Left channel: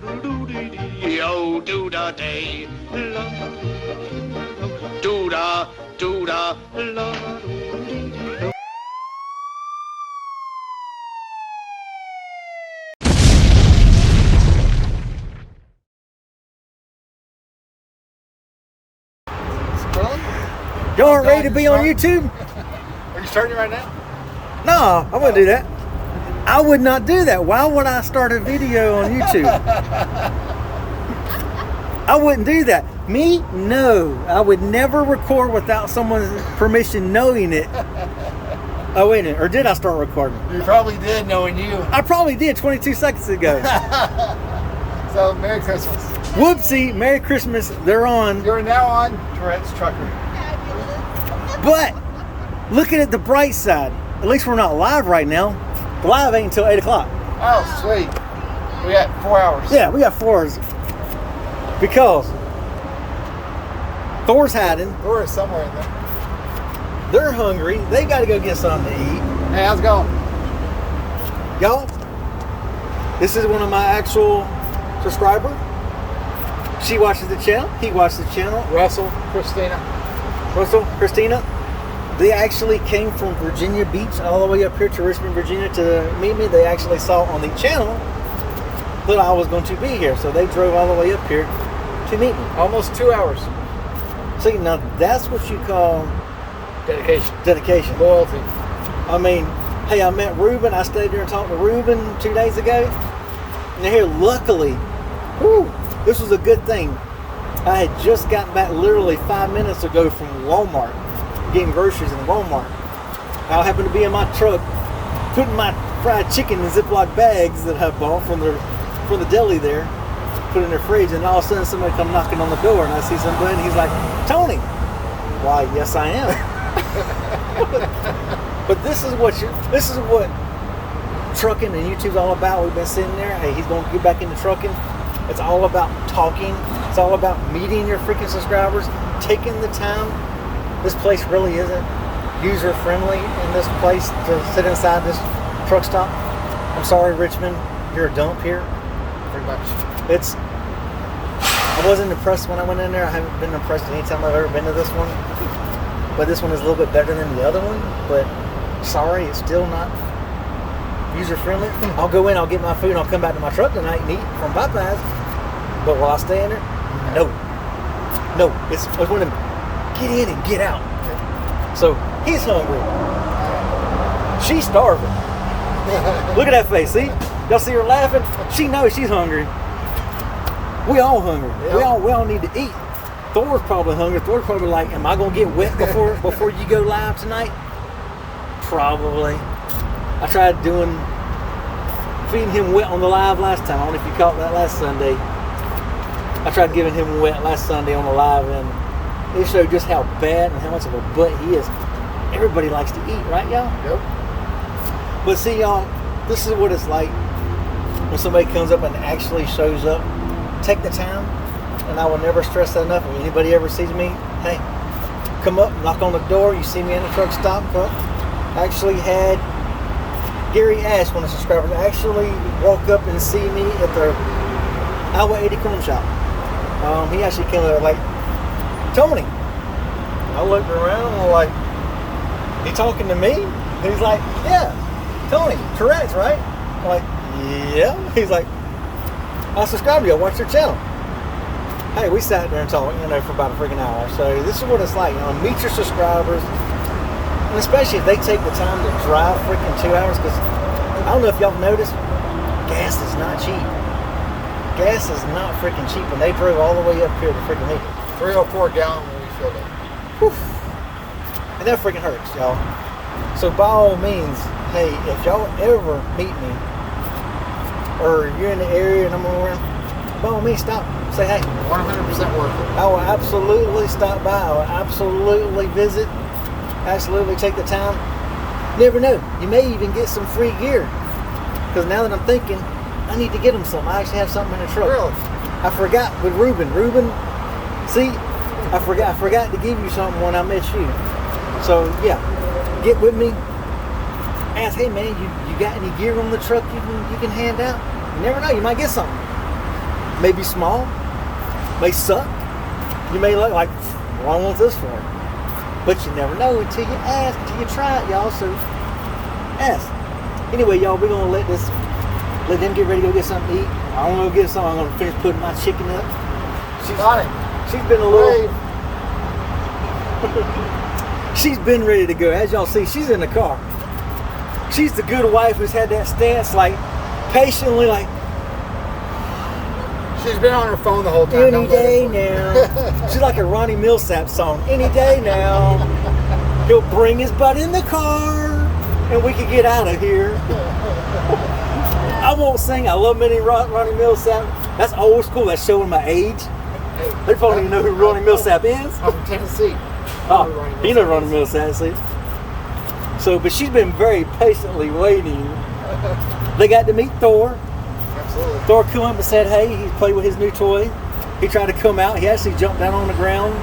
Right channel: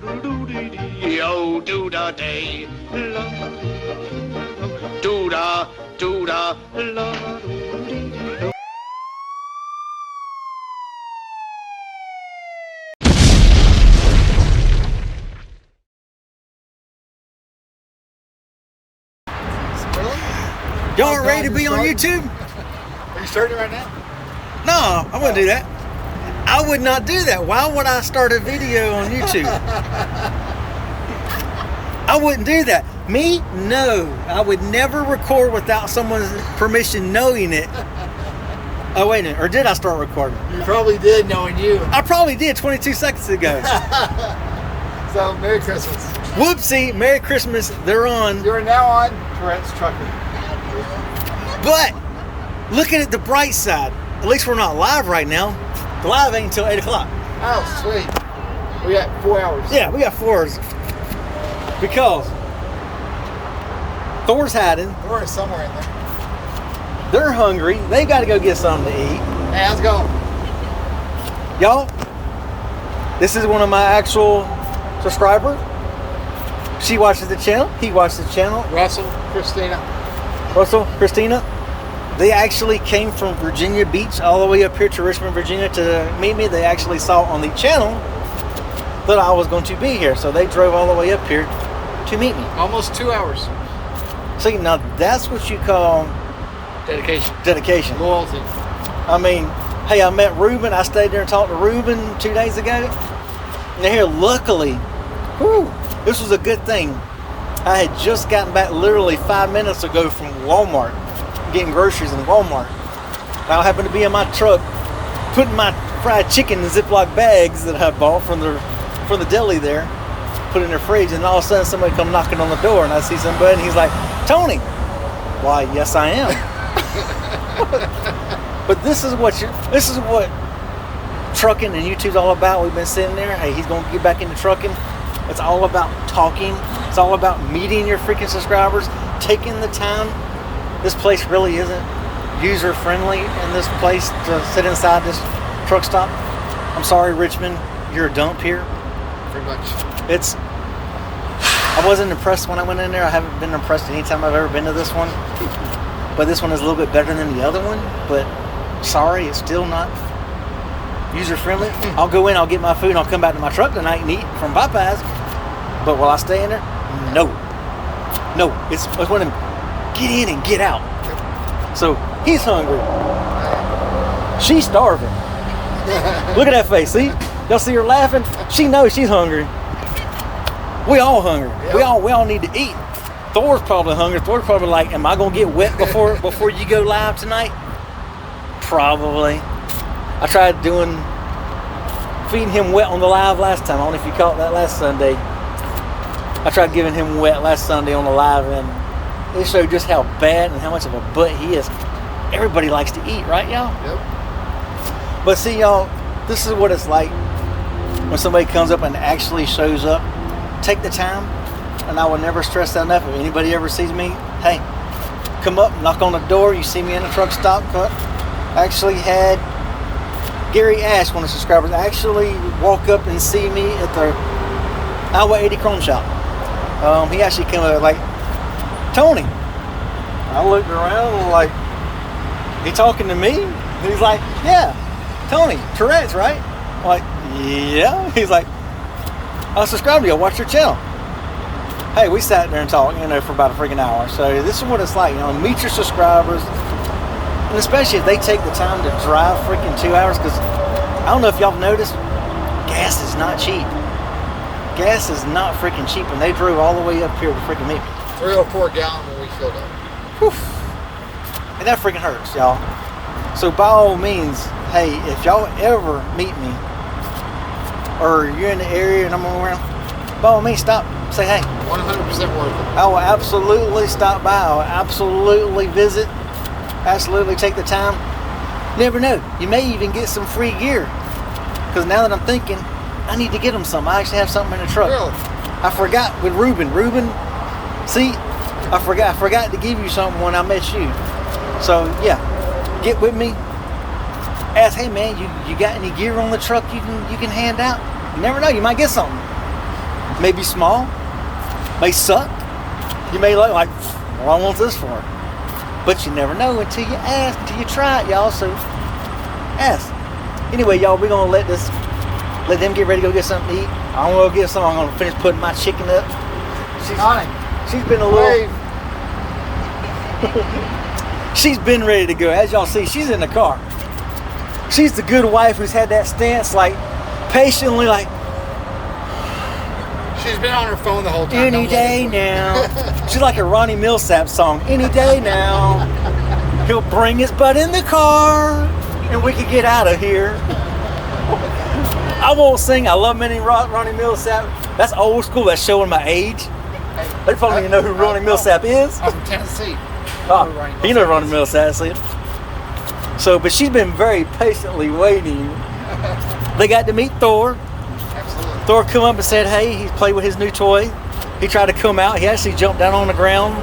Oh, do da day, la, do da, la. Y'all aren't ready to be on YouTube? Are you starting right now? No, I wouldn't do that. I would not do that. Why would I start a video on YouTube? I wouldn't do that. Me? No. I would never record without someone's permission knowing it. Oh, wait a minute. Or did I start recording? You probably did, knowing you. I probably did 22 seconds ago. So, Merry Christmas. Whoopsie. Merry Christmas. They're on. You're now on Tourette's Trucker. But look at it the bright side. At least we're not live right now. The live ain't until 8 o'clock. Oh, sweet. We got 4 hours. Yeah, we got 4 hours. Because Thor's hiding. Thor is somewhere in there. They're hungry. They got to go get something to eat. Hey, how's it going? Y'all, this is one of my actual subscribers. She watches the channel. He watches the channel. Russell, Christina. They actually came from Virginia Beach all the way up here to Richmond, Virginia to meet me. They actually saw on the channel that I was going to be here. So they drove all the way up here to meet me. Almost 2 hours. See, now that's what you call Dedication. Loyalty. I mean, hey, I met Ruben. I stayed there and talked to Ruben 2 days ago. And here, luckily, whew, this was a good thing. I had just gotten back literally 5 minutes ago from Walmart, getting groceries in Walmart. I happened to be in my truck, putting my fried chicken in Ziploc bags that I bought from the deli there, put it in the fridge, and all of a sudden somebody come knocking on the door, and I see somebody, and he's like, "Tony." Why, yes, I am. But this is what trucking and YouTube's all about. We've been sitting there. Hey, he's going to get back into trucking. It's all about talking. It's all about meeting your freaking subscribers, taking the time. This place really isn't user friendly in this place to sit inside this truck stop. I'm sorry, Richmond, you're a dump here. Pretty much. I wasn't impressed when I went in there. I haven't been impressed anytime I've ever been to this one. But this one is a little bit better than the other one. But sorry, it's still not user friendly. I'll go in, I'll get my food, and I'll come back to my truck tonight and eat from Popeyes. But will I stay in there? No. It's one of them get in and get out. So he's hungry. She's starving. Look at that face. See? Y'all see her laughing? She knows she's hungry. We all hungry. Yep. We all need to eat. Thor's probably hungry. Thor's probably like, am I gonna get wet before you go live tonight? Probably. I tried feeding him wet on the live last time. I don't know if you caught that last Sunday. I tried giving him wet last Sunday on the live, and it showed just how bad and how much of a butt he is. Everybody likes to eat, right, y'all? Yep. But see, y'all, this is what it's like when somebody comes up and actually shows up. Take the time, and I will never stress that enough. If anybody ever sees me, hey, come up, knock on the door. You see me in the truck stop, come up. I actually had Gary Ash, one of the subscribers, actually walk up and see me at the Highway 80 Chrome Shop. He actually came up like, "Tony." I looked around and like, he talking to me? He's like, "Yeah, Tony, Tourette's, right?" I'm like, "Yeah." He's like, "I subscribe to you, I watch your channel." Hey, we sat there and talked, for about a freaking hour. So this is what it's like, meet your subscribers. And especially if they take the time to drive freaking 2 hours, because I don't know if y'all noticed, gas is not cheap. Gas is not freaking cheap, and they drove all the way up here to freaking meet me. 304 gallon when we filled up. Whew. And that freaking hurts, y'all. So by all means, hey, if y'all ever meet me, or you're in the area and I'm around, by all means, stop. Say hey. 100% worth it. I will absolutely stop by. I will absolutely visit. Absolutely take the time. Never know. You may even get some free gear. Because now that I'm thinking, I need to get them something. I actually have something in the truck. Really? I forgot with Ruben. See, I forgot to give you something when I met you. So yeah, get with me. Ask, hey man, you got any gear on the truck you can hand out? You never know, you might get something. may be small, may suck. You may like, well, I want this for it. But you never know until you ask, until you try it, y'all. So ask. Anyway, y'all, we're gonna let them get ready to go get something to eat. I'm gonna go get something. I'm gonna finish putting my chicken up. She's been a little. She's been ready to go. As y'all see, she's in the car. She's the good wife who's had that stance, like patiently, like. She's been on her phone the whole time. Any day now. She's like a Ronnie Millsap song. Any day now. He'll bring his butt in the car and we can get out of here. I won't sing. I love many Ronnie Millsap. That's old school. That's showing my age. Hey, They probably don't even know who Ronnie Millsap is. I'm from Tennessee. Oh, you know Ronnie Millsap, see? So, but she's been very patiently waiting. They got to meet Thor. Absolutely. Thor come up and said, hey, he played with his new toy. He tried to come out. He actually jumped down on the ground,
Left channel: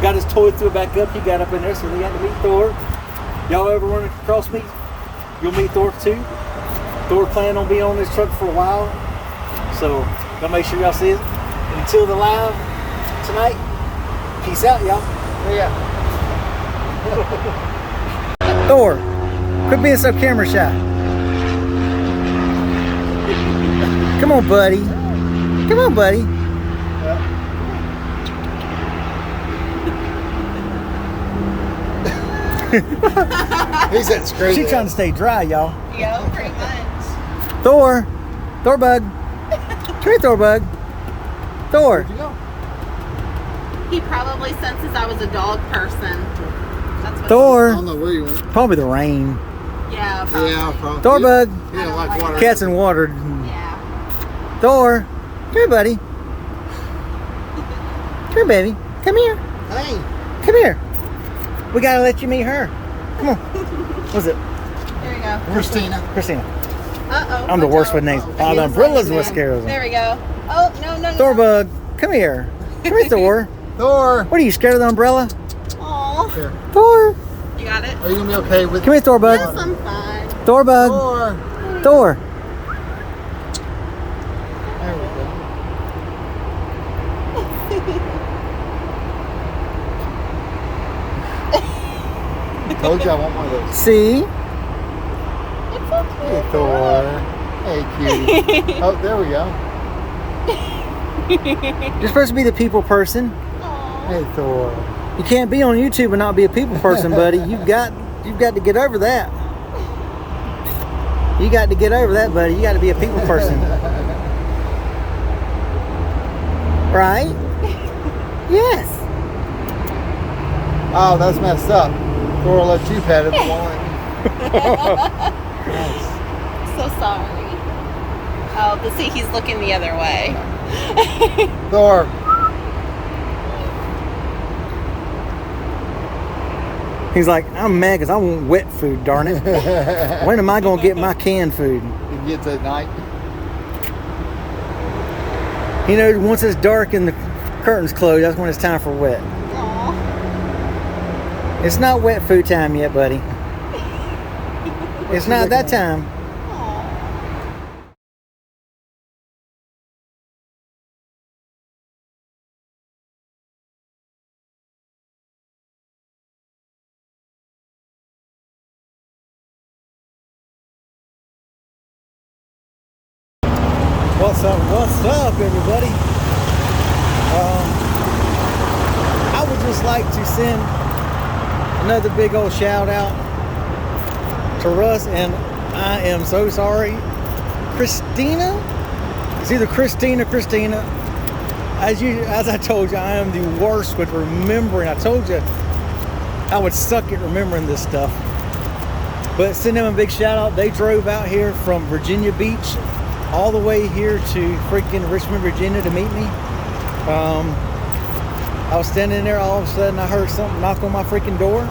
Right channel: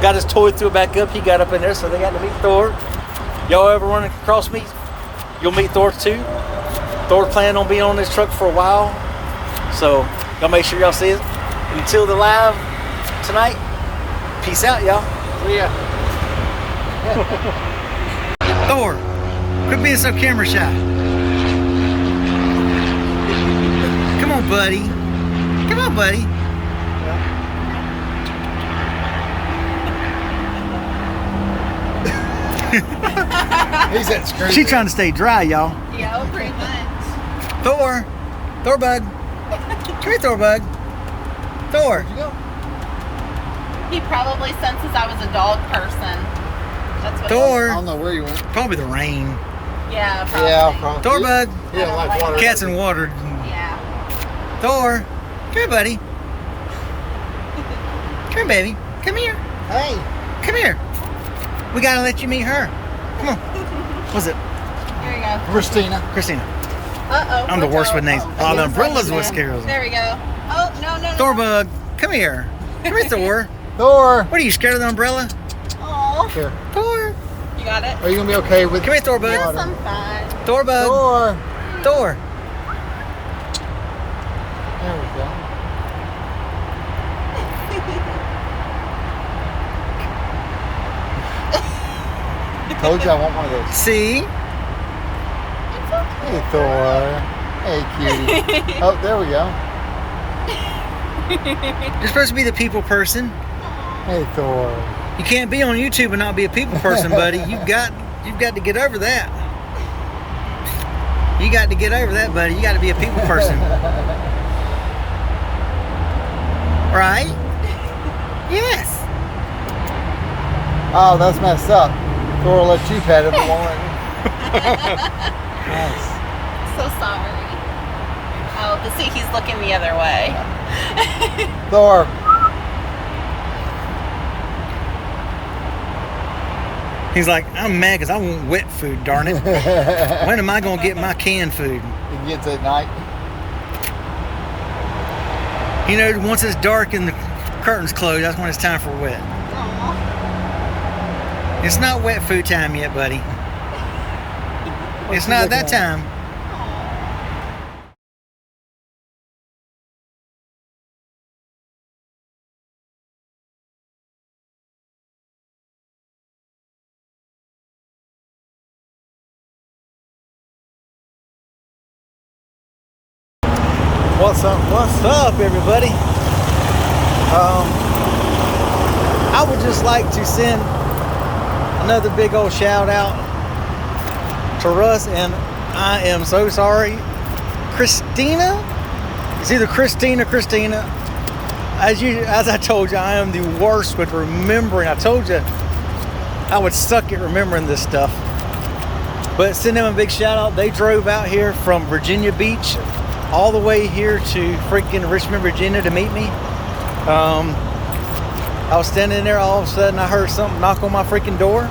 got his toy, threw it back up. He got up in there, so they got to meet Thor. Y'all ever run across me? You'll meet Thor too. Thor planning on being on this truck for a while. So, y'all make sure y'all see it. Until the live tonight, peace out, y'all. Yeah. Thor, quit being so camera shy. Come on, buddy. Come on, buddy. He's at screen. She's trying to stay dry, y'all. Yo, pretty much. Thor bug. Come here, Thor bug. Thor. Where'd you go? He probably senses I was a dog person. That's what Thor. I don't know where you went. Probably the rain. Yeah, probably. Yeah, probably. Thor bug. Yeah, like water. Cats and water. Yeah. Thor. Come here, buddy. Come here, baby. Come here. Hey. Come here. We gotta let you meet her. Come on. What's it? There you go. Christina. Christina. Uh-oh. I'm the worst with names. Oh, the umbrella's what scares There them. we go. Oh, no, no, no. Thor bug. Come here. Come here, Thor. Thor. What are you, scared of the umbrella? Aw. Here. Thor. You got it? Are you gonna be okay with? Come here, Thor bug. Yes, I'm fine. Thor bug. Thor. Thor. There we go. Told you I want one of those. See? It's okay. Hey, Thor. Hey, cutie. Oh, there we go. You're supposed to be the people person. Aw. Hey, Thor. You can't be on YouTube and not be a people person, buddy. You've got to get over that. You got to get over that, buddy. You got to be a people person. Right? Yes. Oh, that's messed up. Thor let you pet it. So sorry. Oh, but see, he's looking the other way. Thor. He's like, I'm mad because I want wet food, darn it. When am I going to get my canned food? It gets at night. You know, once it's dark and the curtains closed, that's when it's time for wet. Aw. It's not wet food time yet, buddy. It's not that time. Aw. What's up, everybody? I would just like to send another big old shout out to Russ, and I am so sorry, Christina. It's either Christina or Christina. As I told you, I am the worst with remembering. I told you I would suck at remembering this stuff. But send them a big shout out. They drove out here from Virginia Beach all the way here to freaking Richmond, Virginia to meet me. I was standing there, all of a sudden I heard something knock on my freaking door,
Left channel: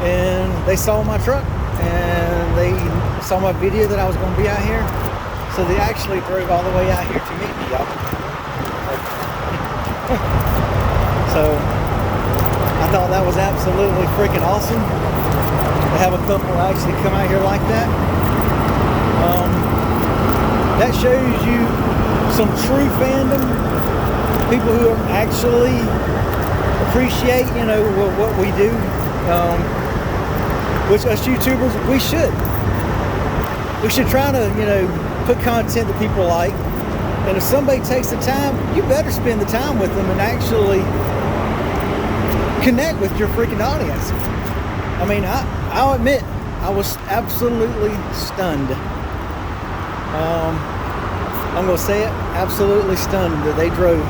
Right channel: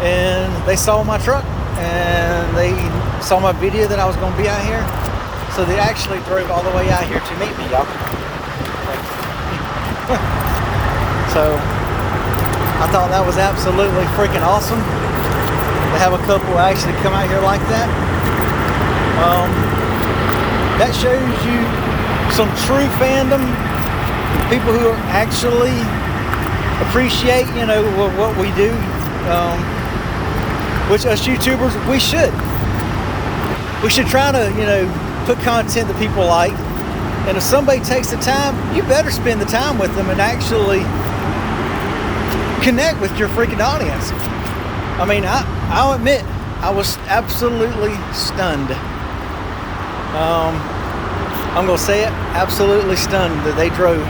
and they saw my truck and they saw my video that I was going to be out here. So they actually drove all the way out here to meet me, y'all. So I thought that was absolutely freaking awesome to have a couple actually come out here like that. That shows you some true fandom, people who are actually appreciate, you know, what we do, which us YouTubers, we should try to, you know, put content that people like. And if somebody takes the time, you better spend the time with them and actually connect with your freaking audience. I mean, I'll admit, I was absolutely stunned. I'm gonna say it, absolutely stunned that they drove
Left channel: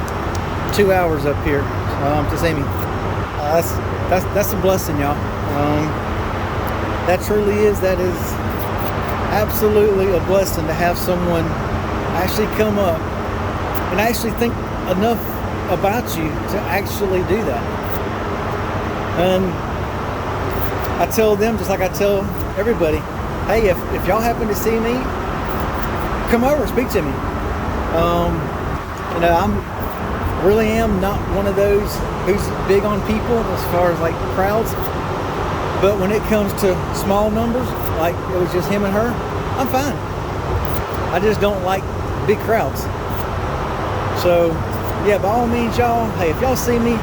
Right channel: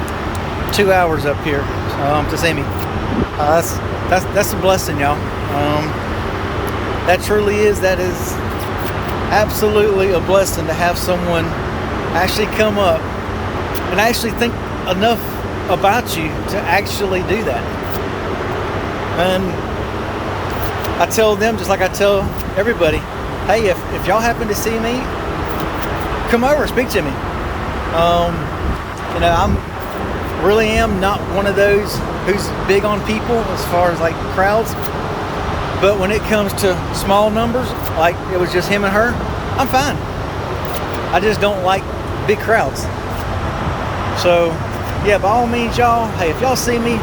2 hours up here to see me. That's a blessing, y'all. That is absolutely a blessing to have someone actually come up and actually think enough about you to actually do that. And I tell them, just like I tell everybody, hey, if y'all happen to see me, come over, speak to me. You know, really am not one of those who's big on people as far as like crowds, but when it comes to small numbers, like it was just him and her, I'm fine. I just don't like big crowds. So yeah, by all means, y'all, hey, if y'all see me,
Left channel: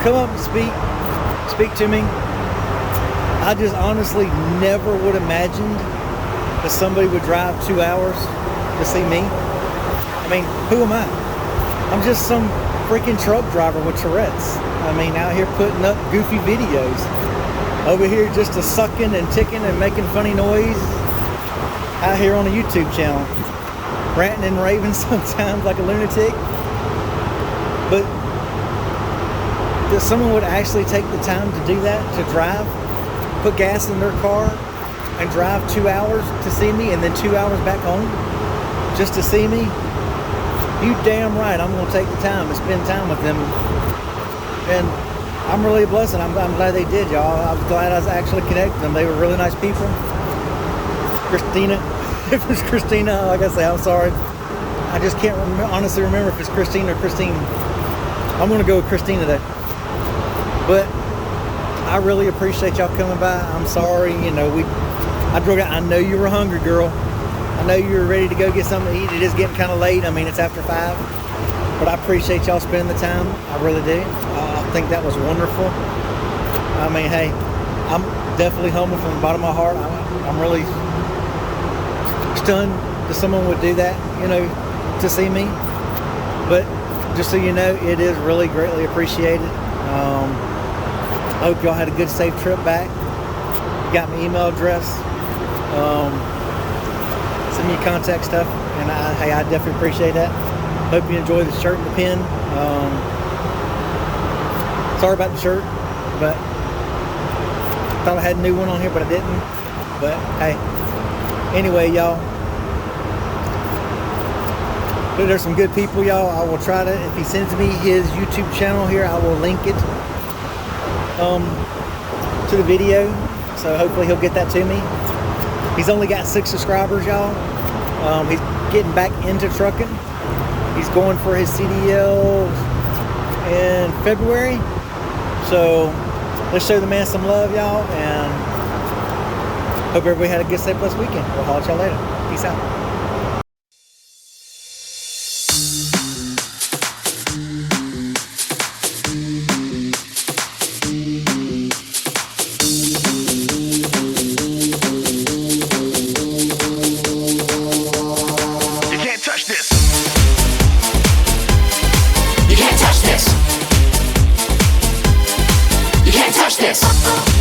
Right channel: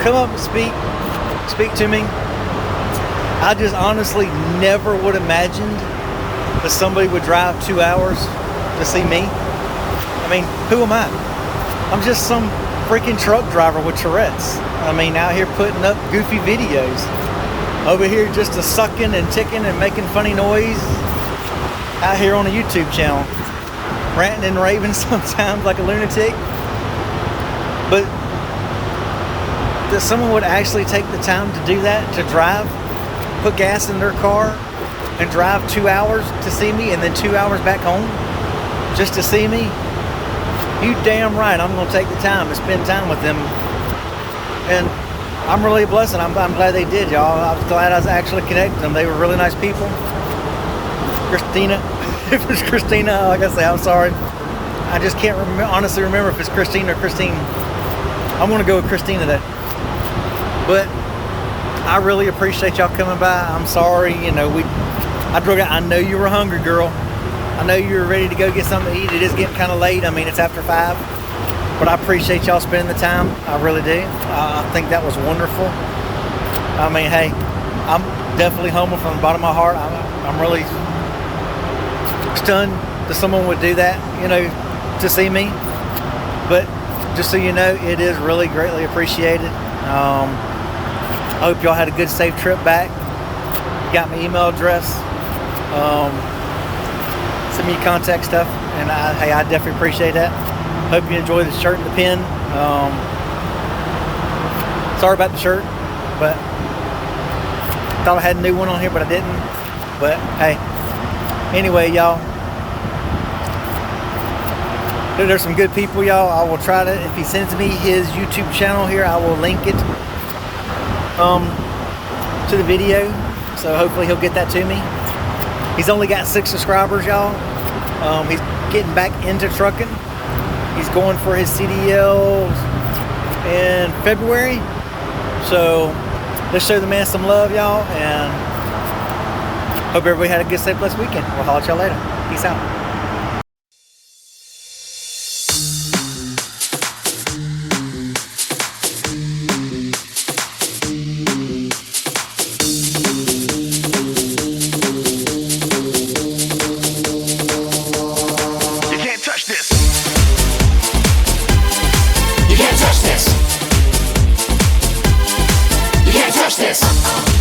come up and speak to me. I just honestly never would imagined that somebody would drive 2 hours to see me. I mean, who am I? I'm just some freaking truck driver with Tourette's. I mean, out here putting up goofy videos. Over here just a sucking and ticking and making funny noise. Out here on a YouTube channel. Ranting and raving sometimes like a lunatic. But that someone would actually take the time to do that, to drive, put gas in their car and drive 2 hours to see me and then 2 hours back home just to see me, you damn right I'm going to take the time to spend time with them. And I'm really blessed. I'm glad they did, y'all. I was glad I was actually connected with them. They were really nice people. Christina, if it's Christina, like I say, I'm sorry. I just can't honestly remember if it's Christina or Christine. I'm going to go with Christina today. But I really appreciate y'all coming by. I'm sorry, you know, I know you were hungry, girl. I know you were ready to go get something to eat. It is getting kind of late. I mean, it's after 5. But I appreciate y'all spending the time. I really do. I think that was wonderful. I mean, hey, I'm definitely humble from the bottom of my heart. I'm really stunned that someone would do that, you know, to see me. But just so you know, it is really greatly appreciated. I hope y'all had a good, safe trip back. You got my email address. Send me your contact stuff, and hey, I definitely appreciate that. Hope you enjoy the shirt and the pin. Sorry about the shirt, but thought I had a new one on here, but I didn't. But hey, anyway, y'all, there's some good people, y'all. I will try to, if he sends me his YouTube channel here, I will link it to the video, so hopefully he'll get that to me. He's only got 6 subscribers, y'all. He's getting back into trucking. He's going for his CDLs in February. So let's show the man some love, y'all, and hope everybody had a good, safe, blessed weekend. We'll holler at y'all later. Peace out. Touch this. You can't touch this. You can't touch this.